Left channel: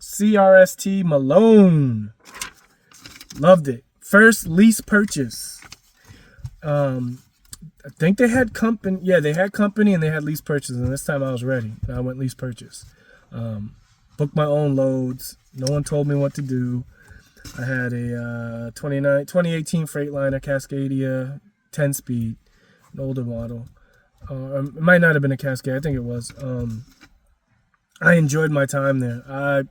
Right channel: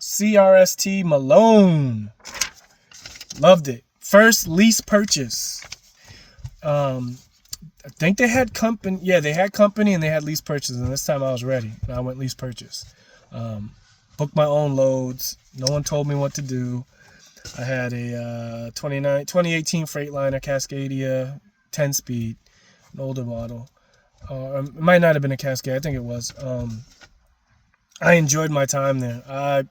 CRST Malone. Loved it. First lease purchase. I think they had company. Yeah, they had company and they had lease purchase. And this time I was ready. And I went lease purchase. Booked my own loads. No one told me what to do. I had a 2018 Freightliner Cascadia 10-speed, an older model. It might not have been a Cascade. I think it was. I enjoyed my time there. I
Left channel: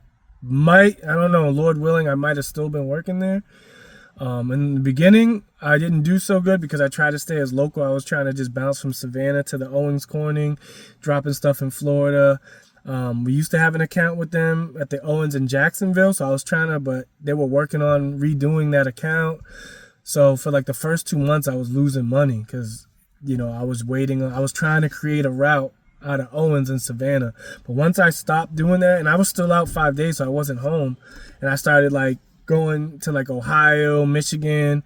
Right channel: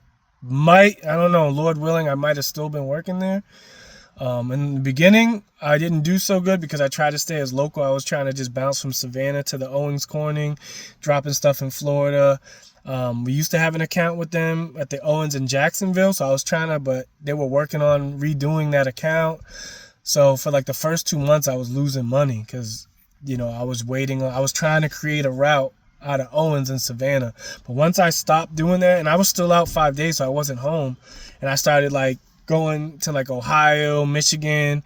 don't know, Lord willing, I might have still been working there. In the beginning, I didn't do so good because I tried to stay as local. I was trying to just bounce from Savannah to the Owens Corning, dropping stuff in Florida. We used to have an account with them at the Owens in Jacksonville, so I was but they were working on redoing that account. So for like the first 2 months, I was losing money because, I was trying to create a route out of Owens in Savannah. But once I stopped doing that, and I was still out 5 days, so I wasn't home, and I started like going to like Ohio, Michigan,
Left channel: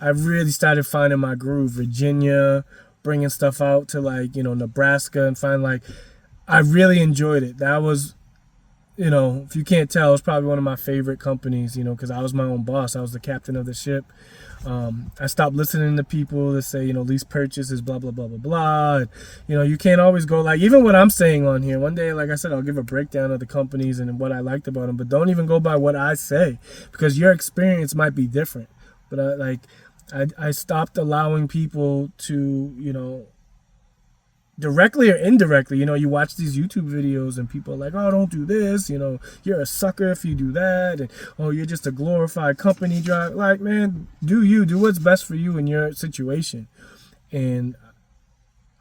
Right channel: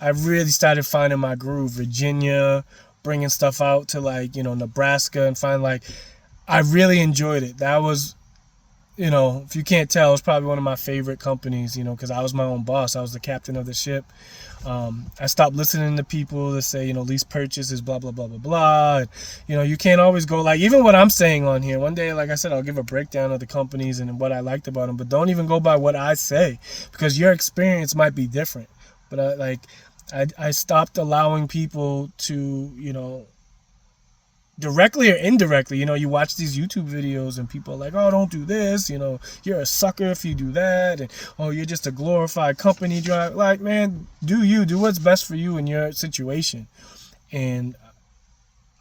I really started finding my groove. Virginia, bringing stuff out to like, Nebraska, and I really enjoyed it. That was, if you can't tell, it was probably one of my favorite companies, because I was my own boss. I was the captain of the ship. I stopped listening to people that say, lease purchase is blah, blah, blah, blah, blah. And, you can't always go like, even what I'm saying on here, one day, like I said, I'll give a breakdown of the companies and what I liked about them, but don't even go by what I say because your experience might be different. But I stopped allowing people to, directly or indirectly, you watch these YouTube videos and people are like, oh, don't do this, you're a sucker if you do that, and oh, you're just a glorified company driver. Like, man, do what's best for you in your situation. And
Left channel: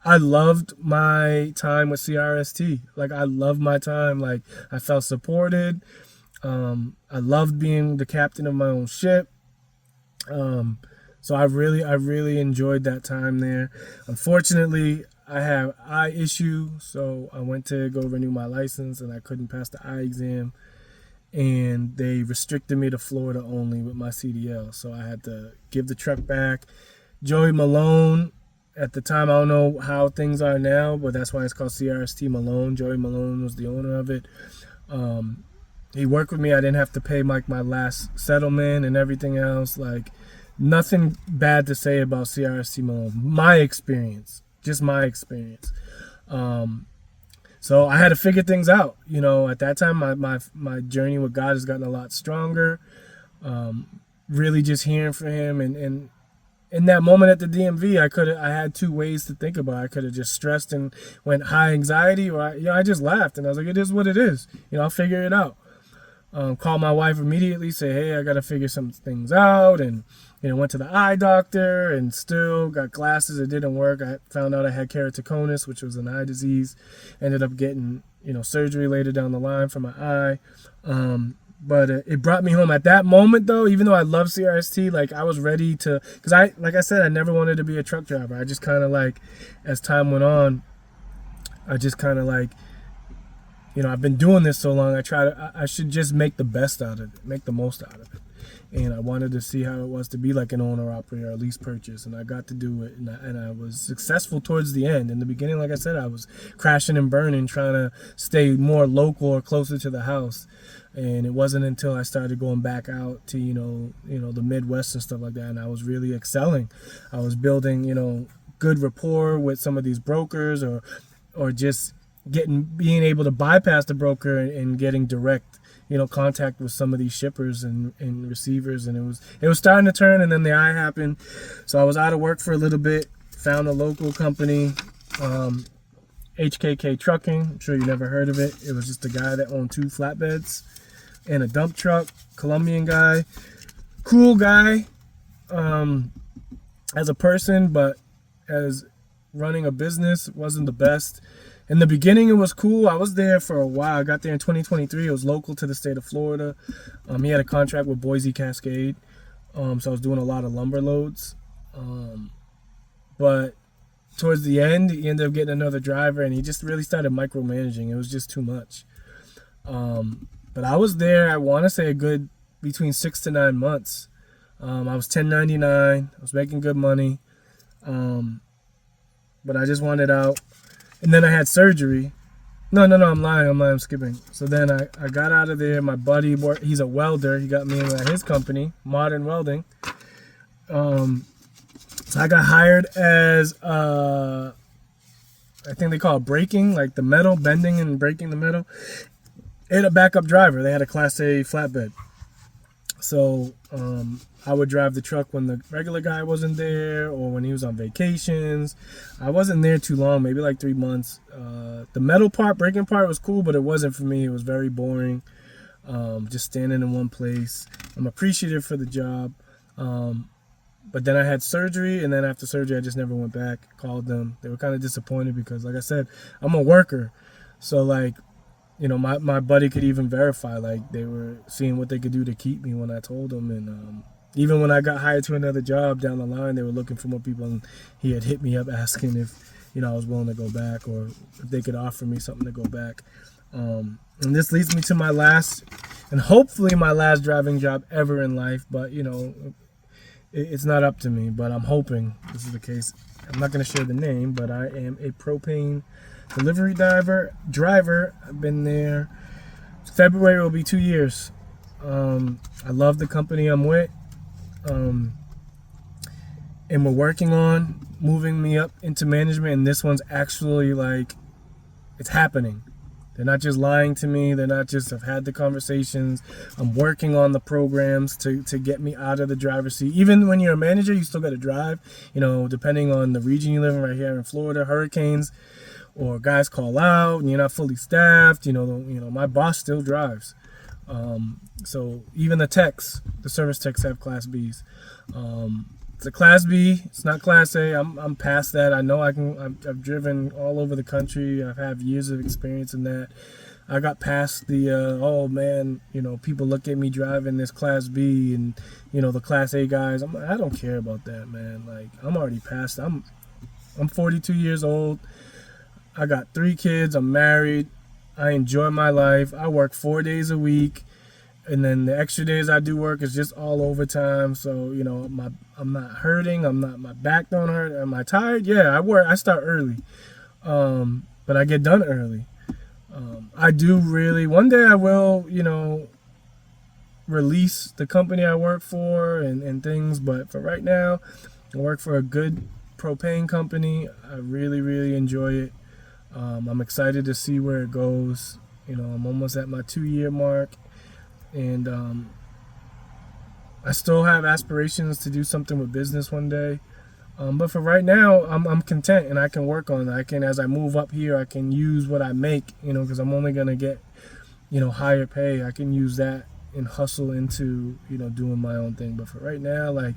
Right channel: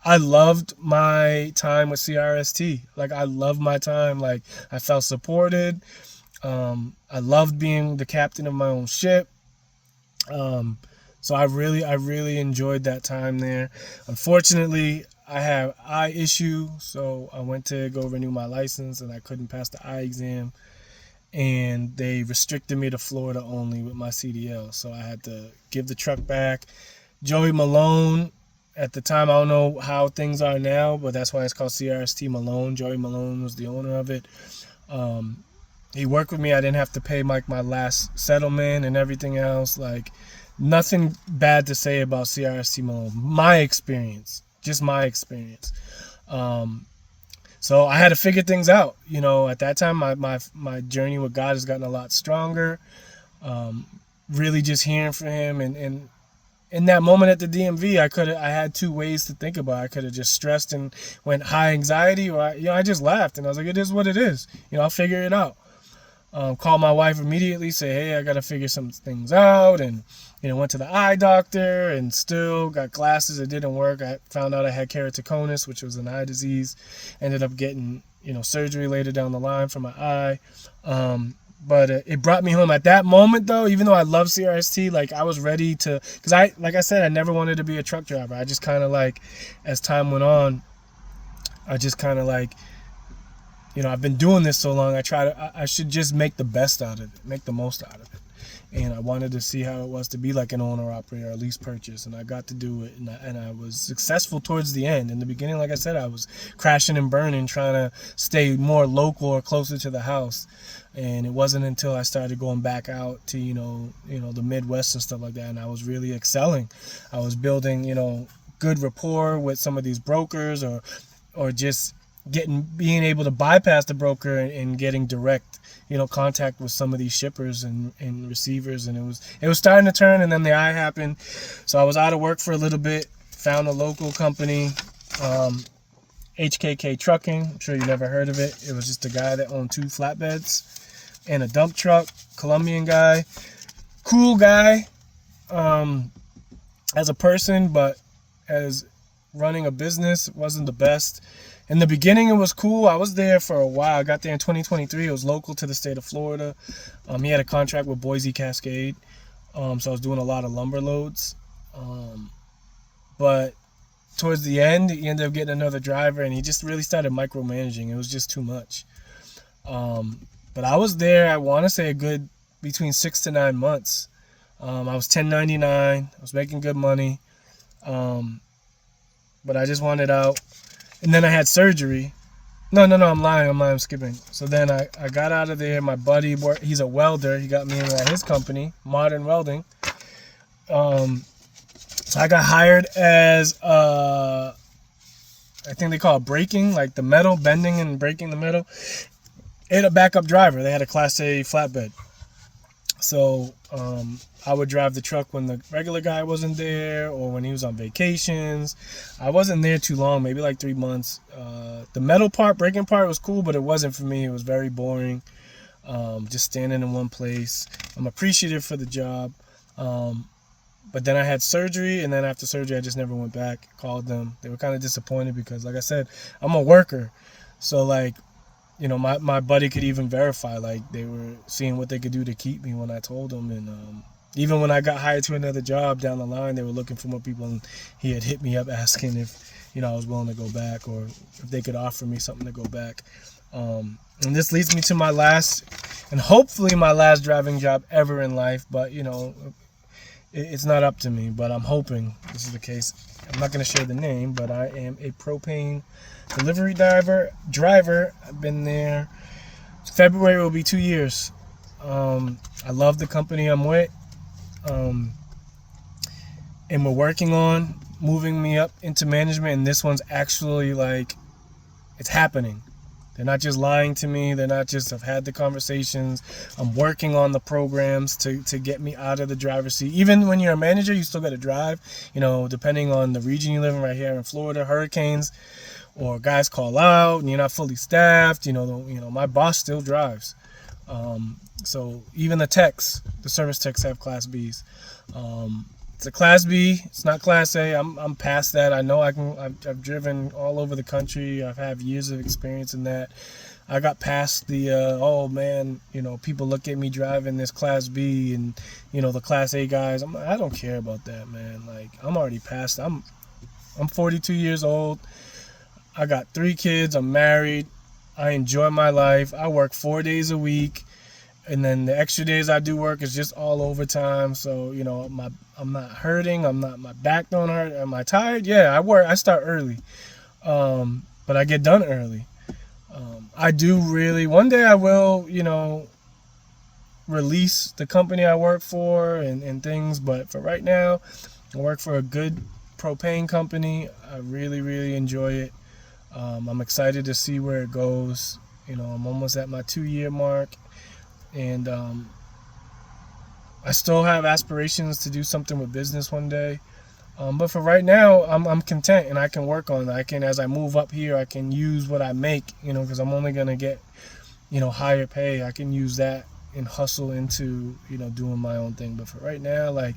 I loved my time with CRST. Like, I loved my time. Like, I felt supported. I loved being the captain of my own ship. So I really enjoyed that time there. Unfortunately, I have eye issue, so I went to go renew my license and I couldn't pass the eye exam, and they restricted me to Florida only with my CDL, so I had to give the truck back. Joey Malone, at the time, I don't know how things are now, but that's why it's called CRST Malone. Joey Malone was the owner of it. He worked with me. I didn't have to pay my last settlement and everything else. Like, nothing bad to say about CRST Malone. My experience. Just my experience. So I had to figure things out. At that time, my journey with God has gotten a lot stronger. Really just hearing from him. And in that moment at the DMV, I had two ways to think about it. I could have just stressed and went high anxiety, or I just laughed. And I was like, it is what it is. I'll figure it out. Called my wife immediately, say, hey, I got to figure some things out. And, went to the eye doctor and still got glasses. It didn't work. I found out I had keratoconus, which was an eye disease. Ended up getting, surgery later down the line for my eye. But it brought me home at that moment, though. Even though I love CRST, like, I was ready to, because like I said, I never wanted to be a truck driver. I just kind of as time went on, I just kind of I've been doing this so long, I should just make the best out of it, make the most out of it. And I wanted to see how it was to be like an owner-operator, a lease purchase, and I got to do it, and I was successful towards the end. In the beginning, like I said, I was crashing and burning, trying to stay more local or closer to the house. And it wasn't until I started going back out to, the Midwest and stuff like that, and I was really excelling. I was building, good rapport with some of these brokers, or just being able to bypass the broker and getting direct contact with some of these shippers and receivers. And it was starting to turn, and then the eye happened. So I was out of work for a little bit, found a local company, HKK Trucking. I'm sure you never heard of it. It was just a guy that owned 2 flatbeds and a dump truck, Colombian guy, cool guy as a person, but as running a business wasn't the best. In the beginning, it was cool. I was there for a while. I got there in 2023. It was local to the state of Florida. He had a contract with Boise Cascade, so I was doing a lot of lumber loads. But towards the end, he ended up getting another driver, and he just really started micromanaging. It was just too much. But I was there, I want to say, a good between 6 to 9 months. I was 1099. I was making good money. But I just wanted out. And then I had surgery. No, I'm lying. I'm skipping. So then I got out of there. My buddy, he's a welder. He got me in at his company, Modern Welding. So I got hired as, I think they call it braking, like the metal, bending and breaking the metal. And a backup driver. They had a Class A flatbed. So I would drive the truck when the regular guy wasn't there or when he was on vacations. I wasn't there too long, maybe like 3 months. The metal part, braking part was cool, but it wasn't for me. It was very boring, just standing in one place. I'm appreciative for the job. But then I had surgery, and then after surgery, I just never went back. Called them. They were kind of disappointed because, like I said, I'm a worker. So, like, you know, my buddy could even verify, like, they were seeing what they could do to keep me when I told them. And even when I got hired to another job down the line, they were looking for more people, and he had hit me up asking if, you know, I was willing to go back or if they could offer me something to go back. And this leads me to my last, and hopefully my last driving job ever in life, but, you know, it's not up to me, but I'm hoping this is the case. I'm not going to share the name, but I am a propane delivery driver. I've been there. February will be 2 years. I love the company I'm with. And we're working on moving me up into management, and this one's actually, like, it's happening. They're not just lying to me. They're not just, I've had the conversations. I'm working on the programs to get me out of the driver's seat. Even when you're a manager, you still got to drive. You know, depending on the region you live in. Right here in Florida, hurricanes or guys call out and you're not fully staffed. You know, my boss still drives. So even the service techs have Class Bs. It's a Class B. It's not Class A. I'm past that. I know I can. I've driven all over the country. I've had years of experience in that. I got past the oh man, you know, people look at me driving this Class B and, you know, the Class A guys. I don't care about that, man. Like, I'm already past. I'm 42 years old. I got 3 kids. I'm married. I enjoy my life. I work 4 days a week. And then the extra days I do work is just all overtime. So, you know, I'm not hurting. My back don't hurt. Am I tired? Yeah, I start early. But I get done early. I do really, one day I will, you know, release the company I work for and things. But for right now, I work for a good propane company. I really, really enjoy it. I'm excited to see where it goes. You know, I'm almost at my 2-year mark. And I still have aspirations to do something with business one day. But for right now, I'm content, and I can work on that. As I move up here, I can use what I make, you know, because I'm only going to get, you know, higher pay. I can use that and hustle into, you know, doing my own thing. But for right now, like,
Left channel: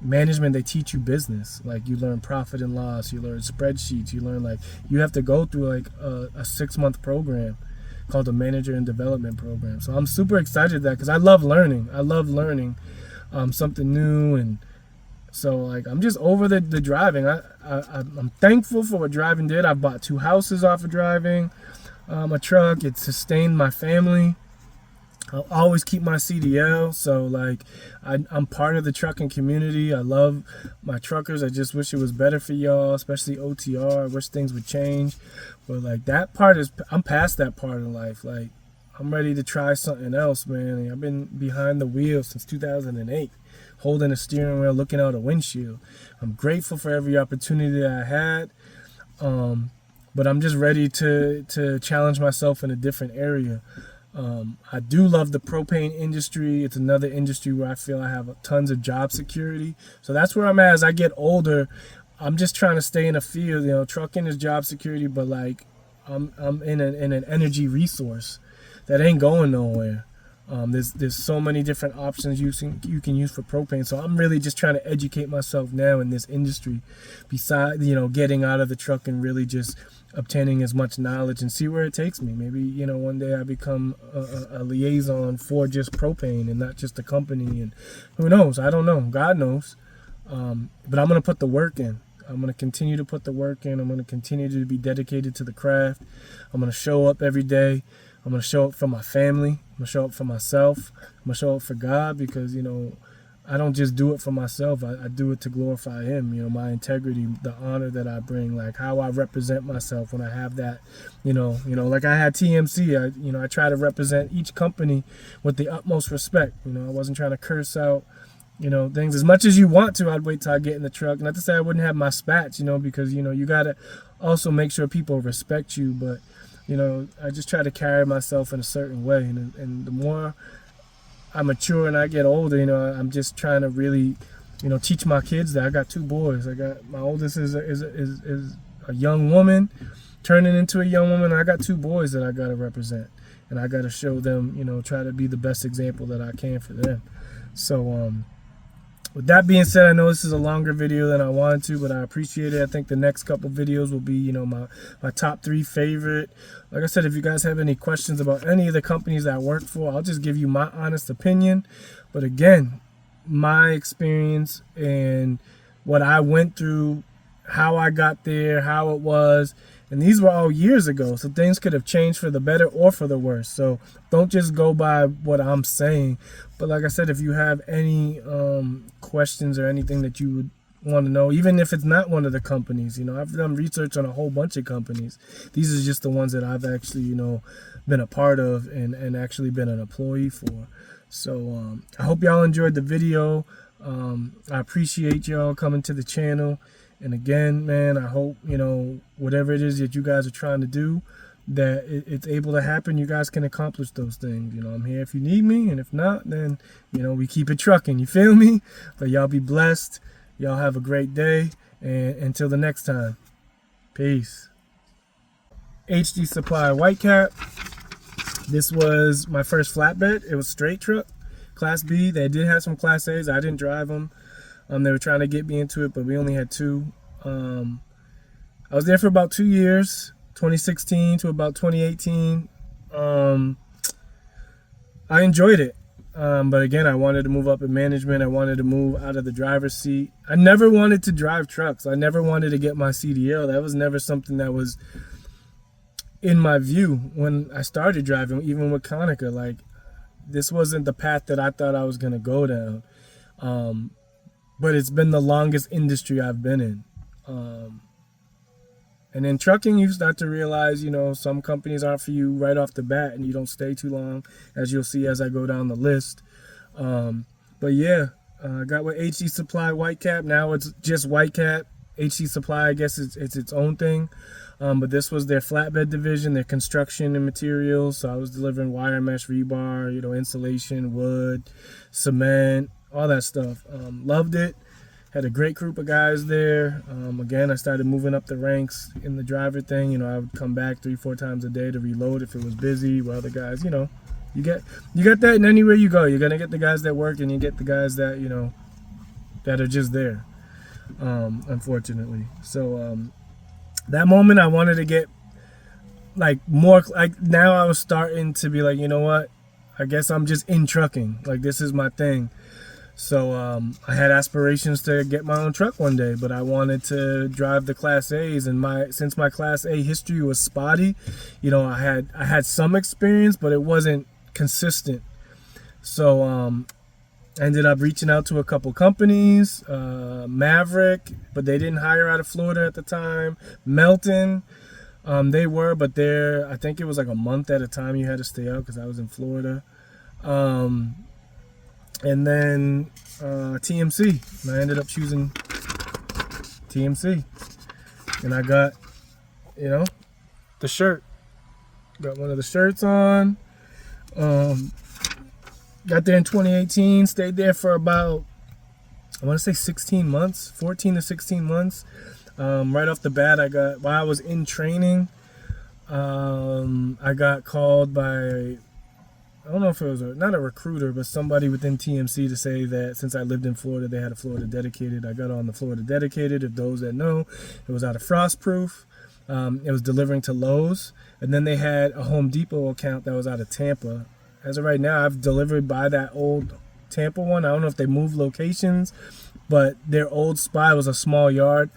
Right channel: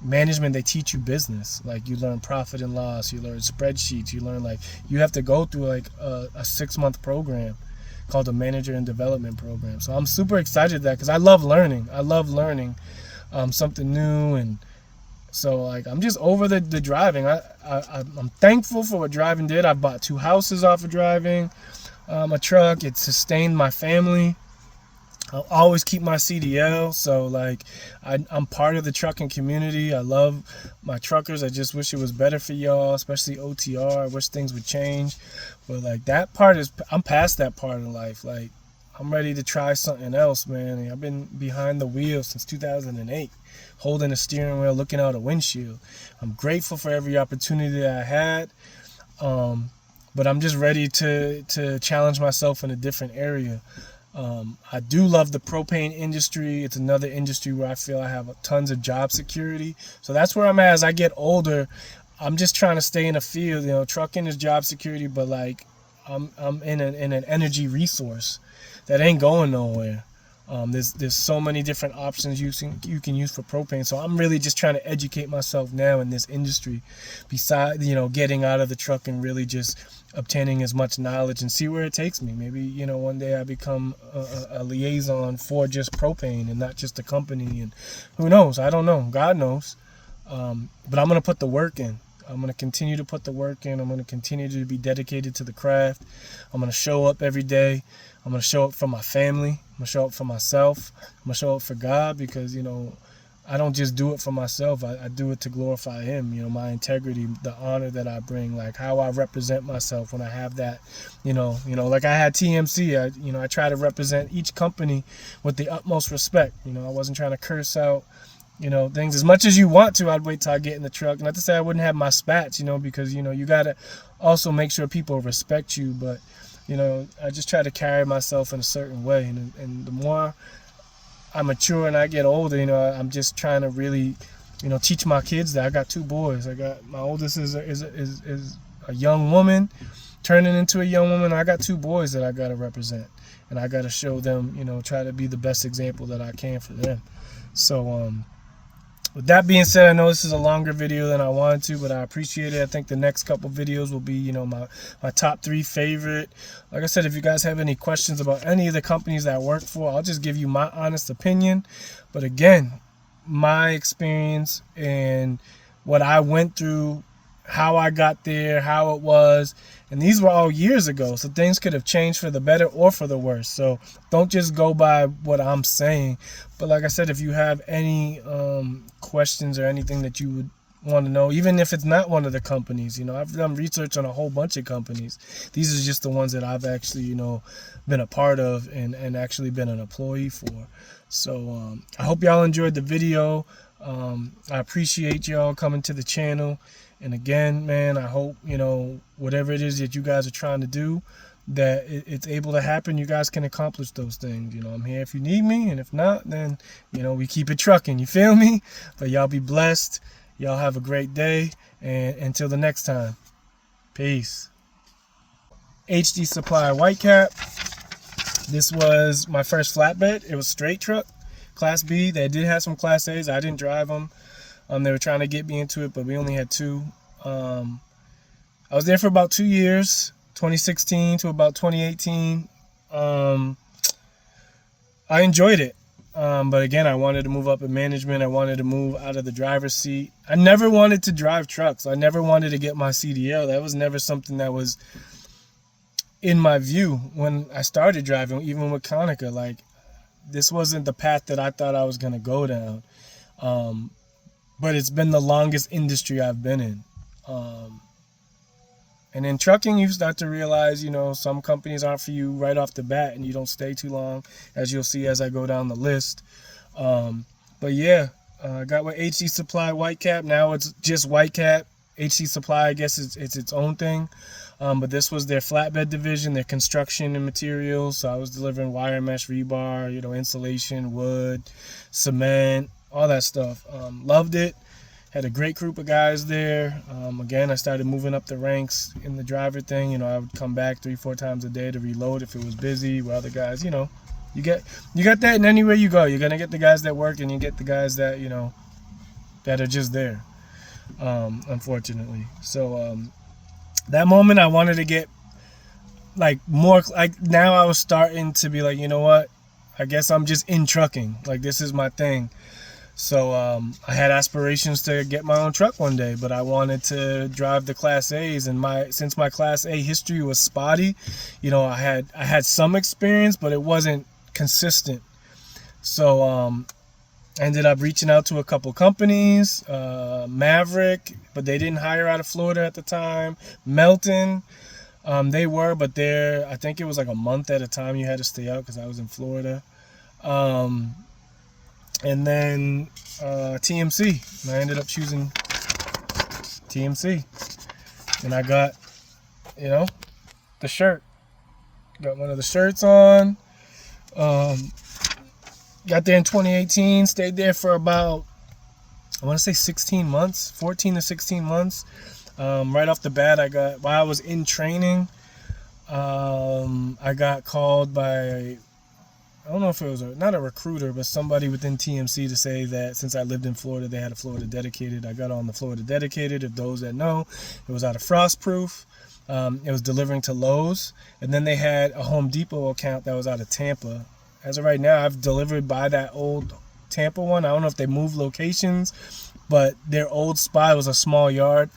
management, they teach you business. Like, you learn profit and loss, you learn spreadsheets, you learn, like, you have to go through like a 6-month program called the Manager and Development Program. So I'm super excited that, because I love learning. Something new. And so, like, I'm just over the driving. I'm thankful for what driving did. I bought 2 houses off of driving a truck. It sustained my family. I'll always keep my CDL. So, like, I'm part of the trucking community. I love my truckers. I just wish it was better for y'all, especially OTR. I wish things would change. But, like, that part I'm past that part of life. Like, I'm ready to try something else, man. I've been behind the wheel since 2008, holding a steering wheel, looking out a windshield. I'm grateful for every opportunity that I had. But I'm just ready to challenge myself in a different area. I do love the propane industry. It's another industry where I feel I have tons of job security. So that's where I'm at. As I get older, I'm just trying to stay in the field. You know, trucking is job security, but, like, I'm in an energy resource that ain't going nowhere. There's so many different options you can use for propane. So I'm really just trying to educate myself now in this industry, besides, you know, getting out of the truck and really just obtaining as much knowledge and see where it takes me. Maybe, you know, one day I become a liaison for just propane and not just a company. And who knows? I don't know. God knows. But I'm going to put the work in. I'm going to continue to put the work in. I'm going to continue to be dedicated to the craft. I'm going to show up every day. I'm going to show up for my family. I'm going to show up for myself. I'm going to show up for God, because, you know, I don't just do it for myself. I do it to glorify him. You know, my integrity, the honor that I bring, like how I represent myself when I have that, like I had TMC. I try to represent each company with the utmost respect. I wasn't trying to curse out, things as much as you want to. I'd wait till I get in the truck. Not to say I wouldn't have my spats, because, you got to also make sure people respect you. But, I just try to carry myself in a certain way. And the more I mature and I get older, I'm just trying to really, teach my kids that. I got 2 boys. I got my oldest is a young woman turning into a young woman. I got 2 boys that I got to represent, and I got to show them, try to be the best example that I can for them. So, with that being said, I know this is a longer video than I wanted to, but I appreciate it. I think the next couple videos will be, my top 3 favorite. Like I said, if you guys have any questions about any of the companies that I work for, I'll just give you my honest opinion. But again, my experience and what I went through, how I got there, how it was, and these were all years ago, so things could have changed for the better or for the worse. So don't just go by what I'm saying. But like I said, if you have any questions or anything that you would want to know, even if it's not one of the companies, I've done research on a whole bunch of companies. These are just the ones that I've actually, been a part of and actually been an employee for. So I hope y'all enjoyed the video. I appreciate y'all coming to the channel. And again, man, I hope, whatever it is that you guys are trying to do, that it's able to happen. You guys can accomplish those things. I'm here if you need me. And if not, then, we keep it trucking. You feel me? But y'all be blessed. Y'all have a great day. And until the next time, peace. HD Supply White Cap. This was my first flatbed. It was straight truck, Class B. They did have some Class A's. I didn't drive them. They were trying to get me into it, but we only had 2. I was there for about 2 years, 2016 to about 2018. I enjoyed it. But again, I wanted to move up in management. I wanted to move out of the driver's seat. I never wanted to drive trucks. I never wanted to get my CDL. That was never something that was in my view when I started driving, even with Konica. Like, this wasn't the path that I thought I was going to go down. But it's been the longest industry I've been in. And in trucking, you start to realize, some companies aren't for you right off the bat, and you don't stay too long, as you'll see as I go down the list. But yeah, I got with HD Supply White Cap. Now it's just White Cap. HD Supply, I guess it's its own thing. But this was their flatbed division, their construction and materials. So I was delivering wire mesh, rebar, insulation, wood, cement, all that stuff. Loved it. Had a great group of guys there. Again, I started moving up the ranks in the driver thing. I would come back 3-4 times a day to reload if it was busy. While the guys, you get that in anywhere you go. You're gonna get the guys that work, and you get the guys that that are just there. Unfortunately, so that moment I wanted to get more. Now I was starting to be like, you know what? I guess I'm just in trucking. Like, this is my thing. So I had aspirations to get my own truck one day, but I wanted to drive the Class A's, and since my Class A history was spotty, I had some experience, but it wasn't consistent. So I ended up reaching out to a couple companies, Maverick, but they didn't hire out of Florida at the time. Melton, they were, but I think it was like a month at a time you had to stay out because I was in Florida. And then TMC, and I ended up choosing TMC, and I got, the shirt. Got one of the shirts on. Got there in 2018. Stayed there for about, I want to say 16 months, 14 to 16 months. Right off the bat, while I was in training, I got called by, I don't know if it was not a recruiter, but somebody within TMC to say that since I lived in Florida, they had a Florida Dedicated. I got on the Florida Dedicated. If those that know, it was out of Frostproof. It was delivering to Lowe's. And then they had a Home Depot account that was out of Tampa. As of right now, I've delivered by that old Tampa one. I don't know if they moved locations, but their old spot was a small yard.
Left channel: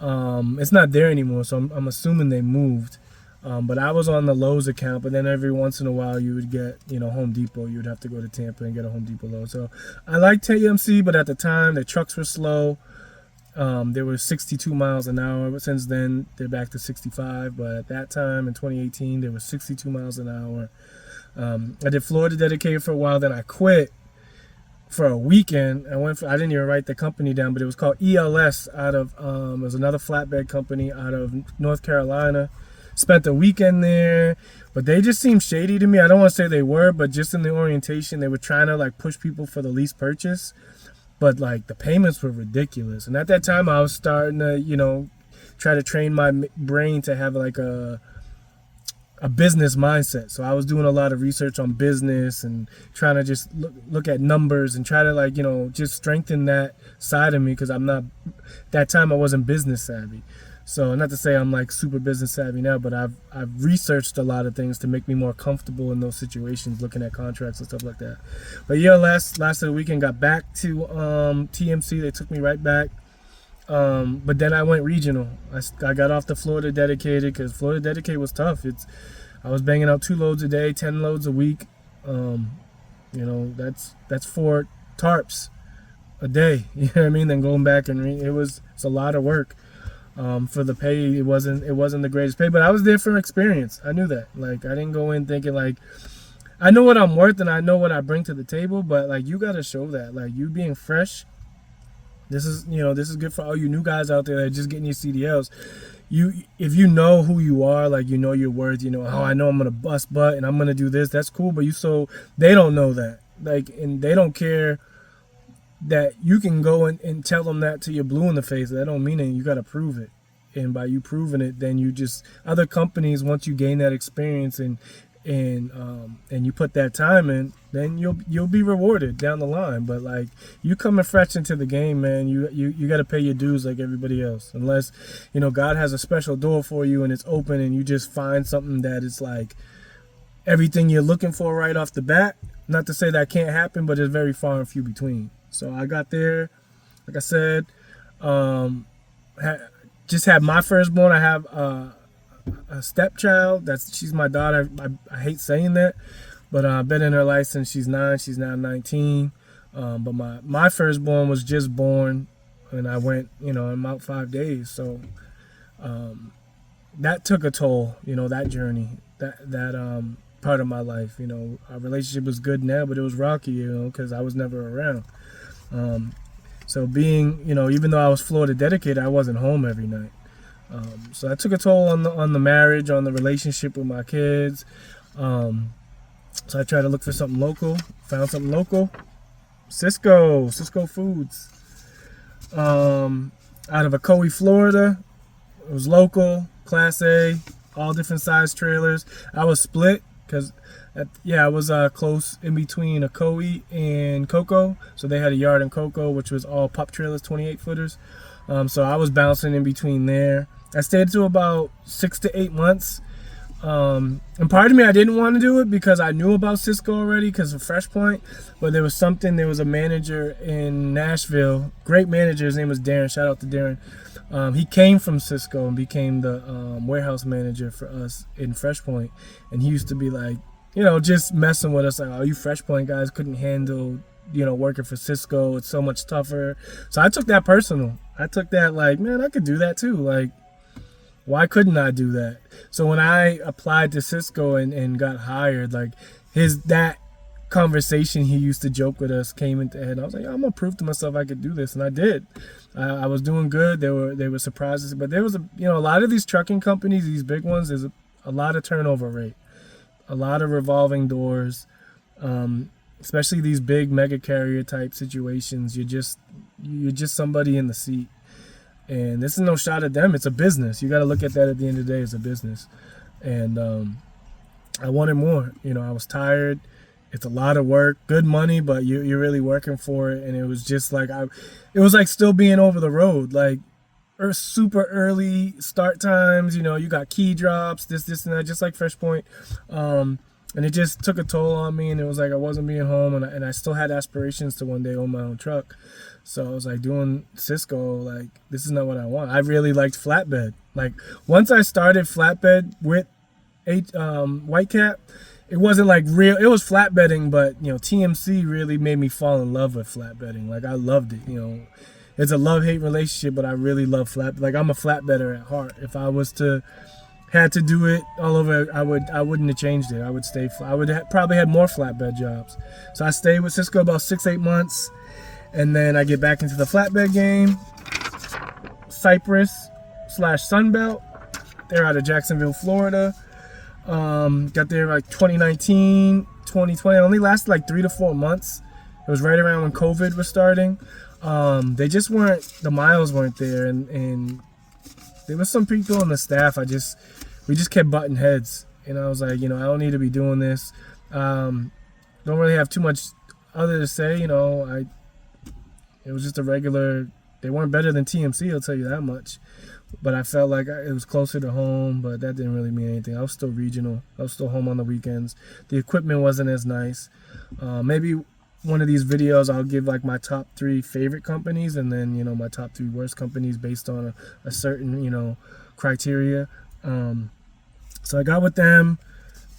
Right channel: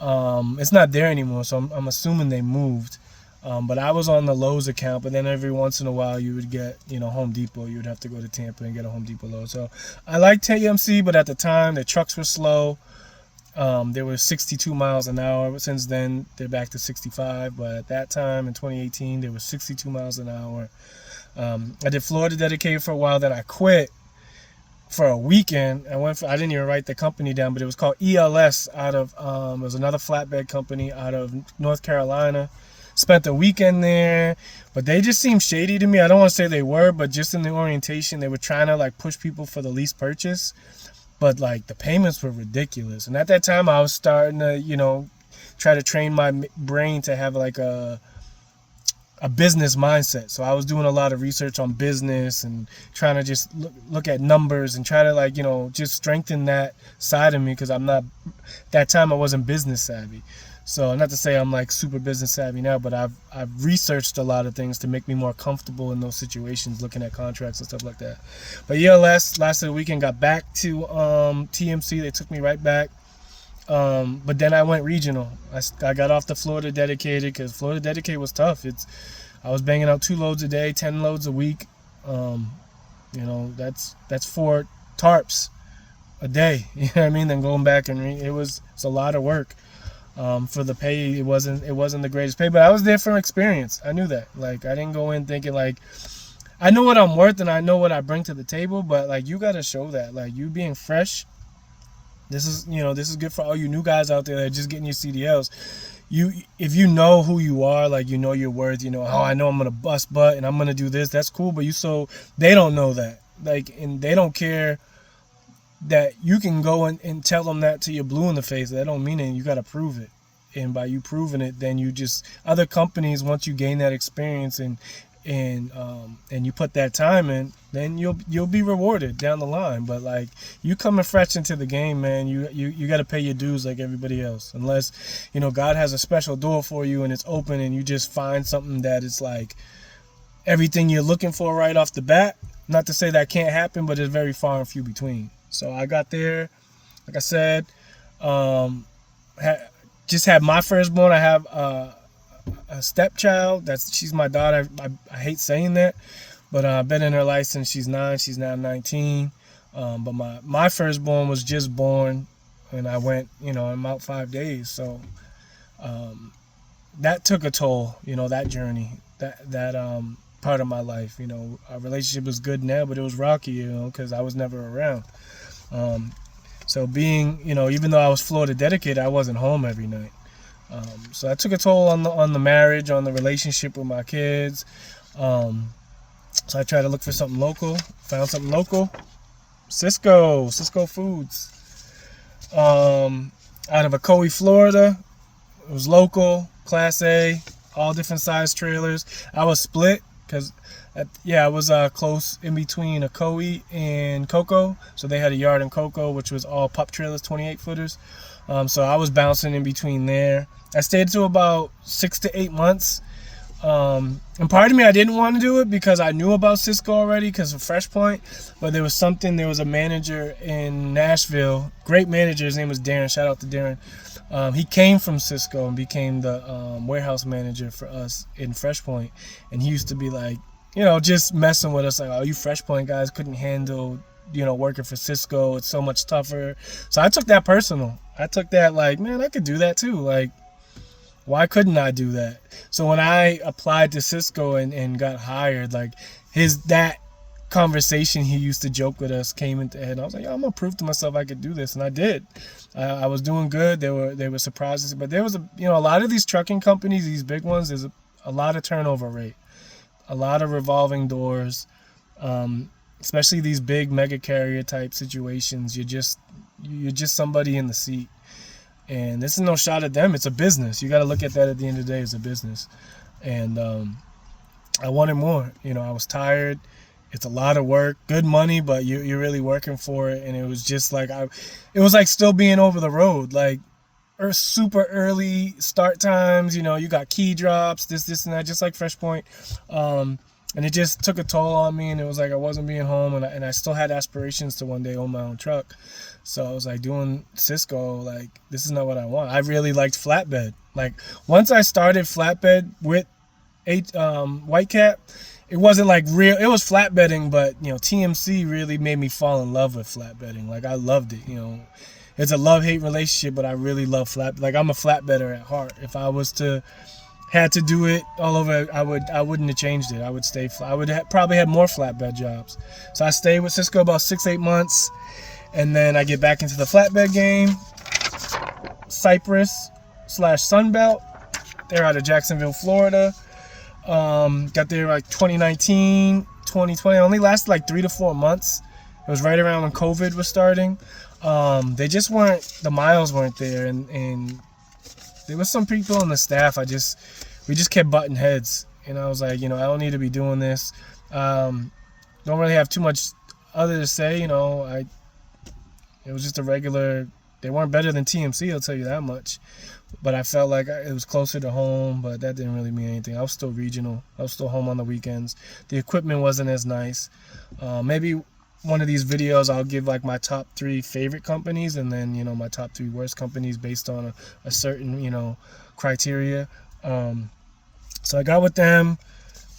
It's not there anymore, so I'm assuming they moved. But I was on the Lowe's account, but then every once in a while you would get, Home Depot. You would have to go to Tampa and get a Home Depot load. So I liked TMC, but at the time the trucks were slow. They were 62 miles an hour. Since then, they're back to 65. But at that time, in 2018, they were 62 miles an hour. I did Florida Dedicated for a while. Then I quit for a weekend. I didn't even write the company down, but it was called ELS out of, it was another flatbed company out of North Carolina. Spent the weekend there, but they just seemed shady to me. I don't want to say they were, but just in the orientation, they were trying to like push people for the lease purchase. But like the payments were ridiculous. And at that time I was starting to, try to train my brain to have like a business mindset. So I was doing a lot of research on business and trying to just look at numbers and try to just strengthen that side of me, because that time I wasn't business savvy. So not to say I'm like super business savvy now, but I've researched a lot of things to make me more comfortable in those situations, looking at contracts and stuff like that. But yeah, last of the weekend, got back to TMC. They took me right back. But then I went regional. I got off the Florida Dedicated because Florida Dedicated was tough. I was banging out 2 loads a day, 10 loads a week. That's 4 tarps a day. You know what I mean? Then going back and it's a lot of work. For the pay, it wasn't the greatest pay, but I was there for experience. I knew that. Like, I didn't go in thinking like, I know what I'm worth and I know what I bring to the table, but like, you got to show that. Like, you being fresh, this is good for all you new guys out there that are just getting your CDLs. If you know who you are, like, you know your worth, I know I'm gonna bust butt and I'm gonna do this, that's cool. But they don't know that, like, and they don't care that you can go and tell them that till you're blue in the face. That don't mean it. You got to prove it. And by you proving it, then other companies, once you gain that experience and you put that time in, then you'll be rewarded down the line. But like, you coming fresh into the game, man, you got to pay your dues like everybody else. Unless, God has a special door for you and it's open and you just find something that is like everything you're looking for right off the bat. Not to say that can't happen, but it's very far and few between. So I got there, like I said, just had my firstborn. I have a stepchild. She's my daughter. I hate saying that, but I've been in her life since she's 9. She's now 19. But my firstborn was just born, and I went, I'm out 5 days. So that took a toll, that journey, that part of my life. Our relationship was good now, but it was rocky, because I was never around. So being, even though I was Florida Dedicated, I wasn't home every night. So that took a toll on the marriage, on the relationship with my kids. So I tried to look for something local, found something local. Cisco Foods. Out of Ocoee, Florida. It was local, Class A, all different size trailers. I was split because I was close in between Ocoee and Cocoa. So they had a yard in Cocoa, which was all pup trailers, 28 footers. So I was bouncing in between there. I stayed to about 6 to 8 months. And part of me, I didn't want to do it because I knew about Cisco already because of Fresh Point. But there was a manager in Nashville, great manager. His name was Darren. Shout out to Darren. He came from Cisco and became the warehouse manager for us in Fresh Point. And he used to be like, just messing with us, like, oh, you Fresh Point guys couldn't handle, working for Cisco. It's so much tougher. So I took that personal. I took that like, man, I could do that too. Like, why couldn't I do that? So when I applied to Cisco and got hired, like, that conversation he used to joke with us came into head. I was like, I'm gonna prove to myself I could do this, and I did. I was doing good. They were surprises, but there was a lot of these trucking companies, these big ones, there's a lot of turnover rate. A lot of revolving doors, especially these big mega carrier type situations. You're just somebody in the seat, and this is no shot at them. It's a business. You got to look at that at the end of the day as a business. And I wanted more. I was tired. It's a lot of work, good money, but you're really working for it. And it was just like it was like still being over the road, like super early start times. You got key drops, this and that, just like Fresh Point. And it just took a toll on me, and it was like I wasn't being home, and I still had aspirations to one day own my own truck. So I was like, doing Cisco, like, this is not what I want. I really liked flatbed. Like, once I started flatbed with Whitecap. It wasn't like real. It was flatbedding, but TMC really made me fall in love with flatbedding. Like I loved it. It's a love-hate relationship, but I really love flat. Like I'm a flatbedder at heart. If I was to had to do it all over, I wouldn't have changed it. I would stay. I would probably had more flatbed jobs. So I stayed with Cisco about 6-8 months, and then I get back into the flatbed game. Cypress/Sunbelt. They're out of Jacksonville, Florida. Got there like 2019, 2020. It only lasted like 3 to 4 months. It was right around when COVID was starting. They just weren't, the miles weren't there, and there was some people on the staff. We just kept butting heads, and I was like, I don't need to be doing this. Don't really have too much other to say. It was just a regular. They weren't better than TMC, I'll tell you that much. But I felt like it was closer to home, but that didn't really mean anything. I was still regional. I was still home on the weekends. The equipment wasn't as nice. Maybe one of these videos I'll give like my top 3 favorite companies, and then my top 3 worst companies based on a certain criteria. So I got with them,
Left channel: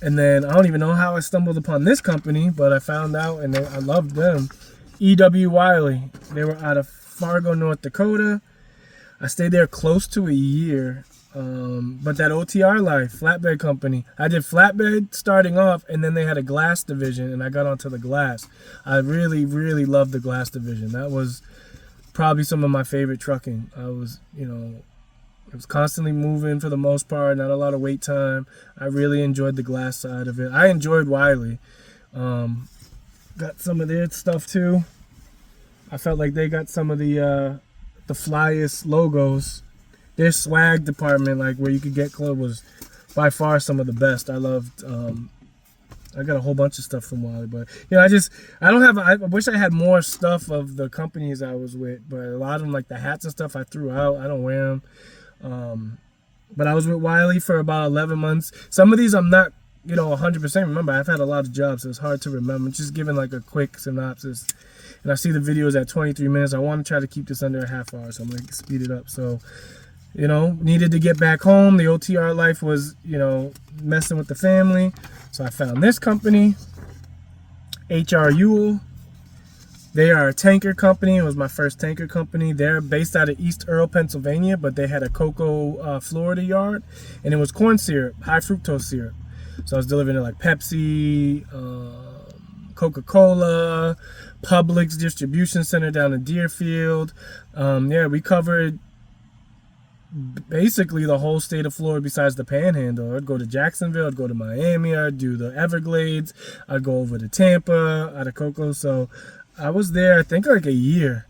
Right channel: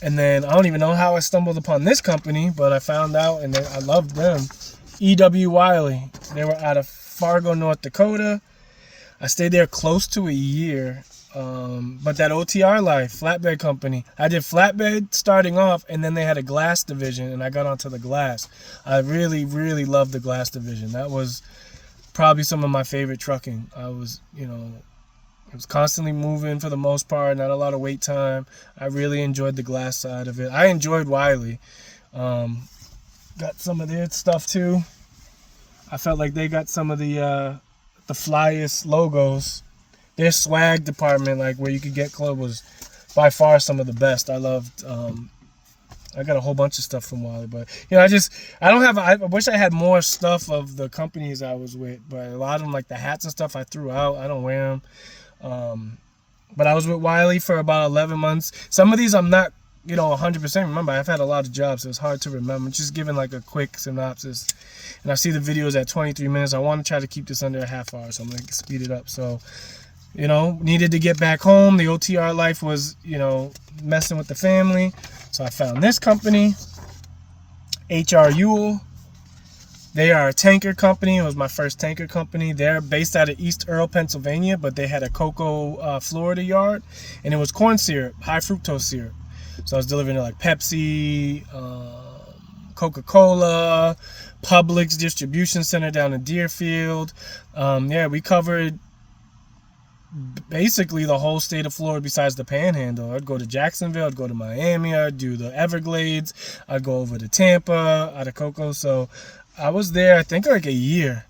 and then I don't even know how I stumbled upon this company, but I found out, and I loved them. E.W. Wiley. They were out of Fargo, North Dakota. I stayed there close to a year, but that OTR Life, flatbed company, I did flatbed starting off, and then they had a glass division, and I got onto the glass. I really, really loved the glass division. That was probably some of my favorite trucking. I was, it was constantly moving for the most part, not a lot of wait time. I really enjoyed the glass side of it. I enjoyed Wiley. Got some of their stuff too. I felt like they got some of the flyest logos. Their swag department, like where you could get clothes, was by far some of the best. I loved. I got a whole bunch of stuff from Wiley, but I wish I had more stuff of the companies I was with, but a lot of them, like the hats and stuff, I threw out. I don't wear them. But I was with Wiley for about 11 months. Some of these I'm not 100% remember. I've had a lot of jobs, so it's hard to remember. Just giving like a quick synopsis. And I see the videos at 23 minutes. I want to try to keep this under a half hour, so I'm going to speed it up. So, needed to get back home. The OTR Life was, messing with the family. So I found this company, H.R. Ewell. They are a tanker company. It was my first tanker company. They're based out of East Earl, Pennsylvania, but they had a Cocoa, Florida yard. And it was corn syrup, high fructose syrup. So I was delivering to like Pepsi, Coca-Cola, Publix distribution center down in Deerfield. We covered basically the whole state of Florida besides the Panhandle. I'd go to Jacksonville, I'd go to Miami, I'd do the Everglades, I'd go over to Tampa, out of Cocoa. So I was there, I think, like a year.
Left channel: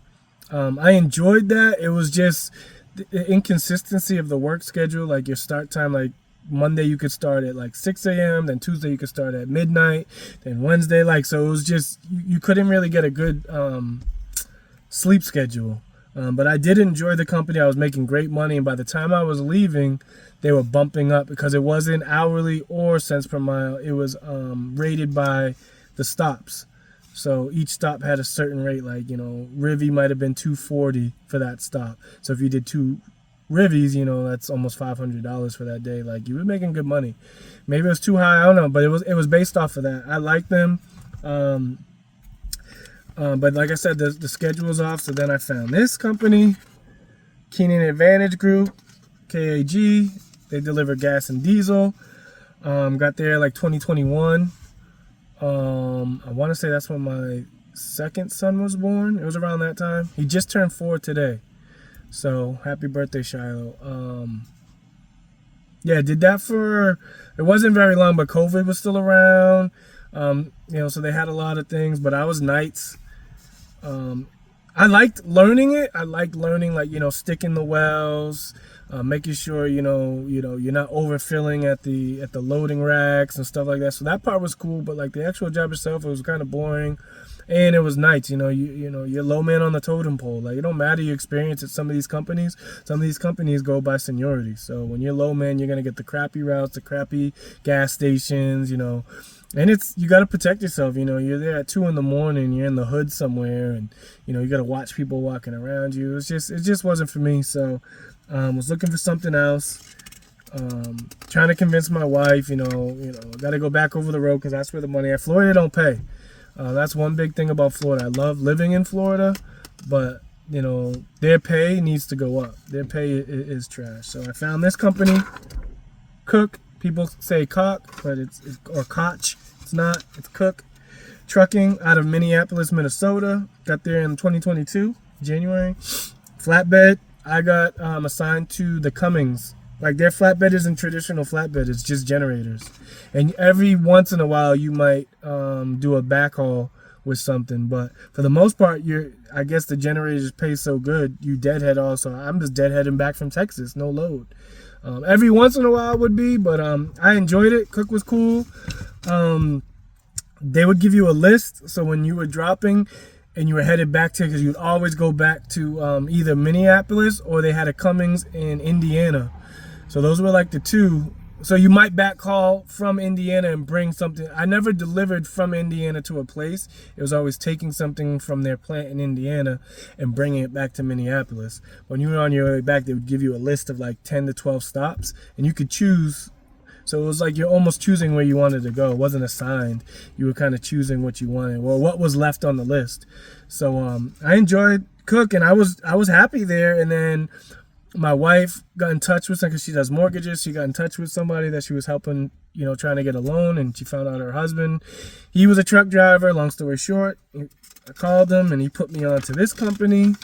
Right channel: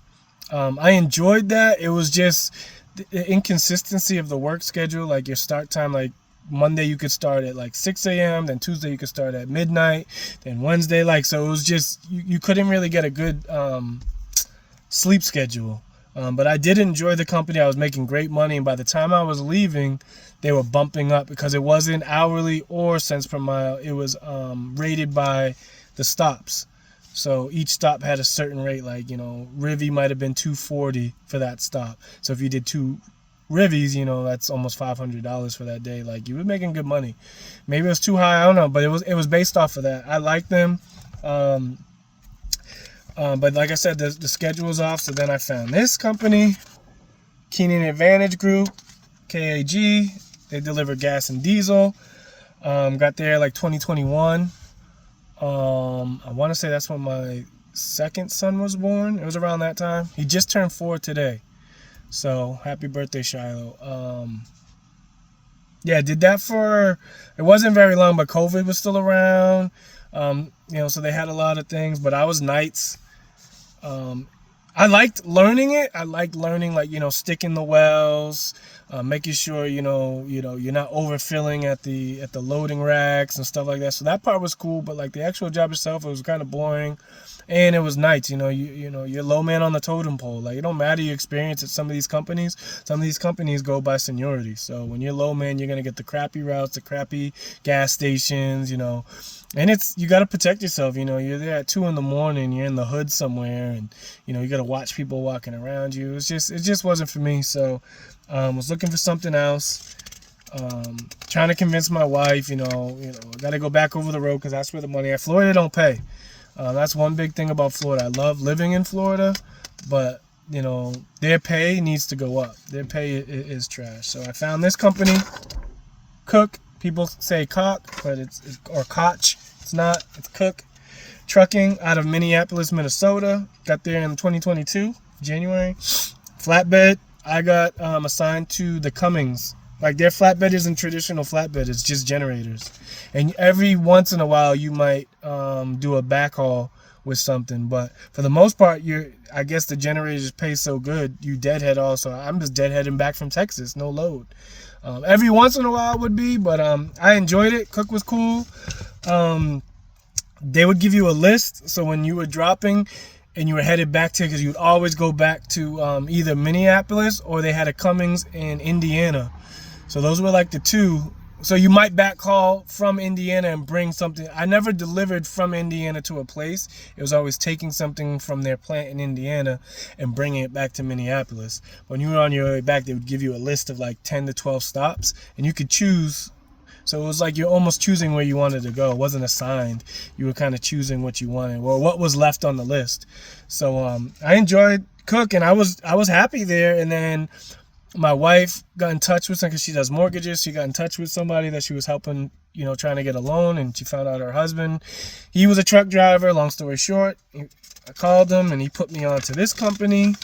I enjoyed that. It was just the inconsistency of the work schedule, like your start time, like Monday you could start at like 6 a.m. Then Tuesday you could start at midnight. Then Wednesday, so it was just you couldn't really get a good sleep schedule. But I did enjoy the company. I was making great money, and by the time I was leaving, they were bumping up because it wasn't hourly or cents per mile. It was rated by the stops. So each stop had a certain rate. Like Rivy might have been $240 for that stop. So if you did 2 Rivies, that's almost $500 for that day. Like you were making good money. Maybe it was too high, I don't know, but it was based off of that. I liked them, but like I said, the schedule was off. So then I found this company, Keenan Advantage Group, KAG. They deliver gas and diesel. Got there like 2021. I want to say that's when my second son was born. It was around that time. He just turned 4 today. So happy birthday, Shiloh. Did that for, it wasn't very long, but COVID was still around. So they had a lot of things, but I was nights. I liked learning it. I liked learning, sticking the wells, making sure, you're not overfilling at the loading racks and stuff like that. So that part was cool, but like the actual job itself, it was kind of boring. And it was nights, you're low man on the totem pole. Like, it don't matter your experience at some of these companies. Some of these companies go by seniority. So when you're low man, you're going to get the crappy routes, the crappy gas stations, And you got to protect yourself. You're there at 2 a.m, you're in the hood somewhere, and, you got to watch people walking around you. It just wasn't for me. So I was looking for something else. Trying to convince my wife, got to go back over the road because that's where the money at. Florida don't pay. That's one big thing about Florida. I love living in Florida, but their pay needs to go up. Their pay is trash. So I found this company, Cook. People say Cock, but or Koch. It's not. It's Cook Trucking out of Minneapolis, Minnesota. Got there in 2022, January. Flatbed. I got assigned to the Cummins. Like their flatbed isn't traditional flatbed. It's just generators. And every once in a while you might do a backhaul with something, but for the most part, I guess the generators pay so good, you deadhead also. I'm just deadheading back from Texas, no load. Every once in a while would be, but I enjoyed it. Cook was cool. They would give you a list, so when you were dropping and you were headed back to, because you would always go back to either Minneapolis or they had a Cummins in Indiana. So those were like the two. So you might backhaul from Indiana and bring something. I never delivered from Indiana to a place. It was always taking something from their plant in Indiana and bringing it back to Minneapolis. When you were on your way back, they would give you a list of like 10 to 12 stops, and you could choose. So it was like you're almost choosing where you wanted to go. It wasn't assigned. You were kind of choosing what you wanted or what was left on the list. So I enjoyed Cook, and I was happy there. And then my wife got in touch with some, because she does mortgages. She got in touch with somebody that she was helping, trying to get a loan, and she found out her husband, he was a truck driver. Long story short, I called him and he put me on to this company.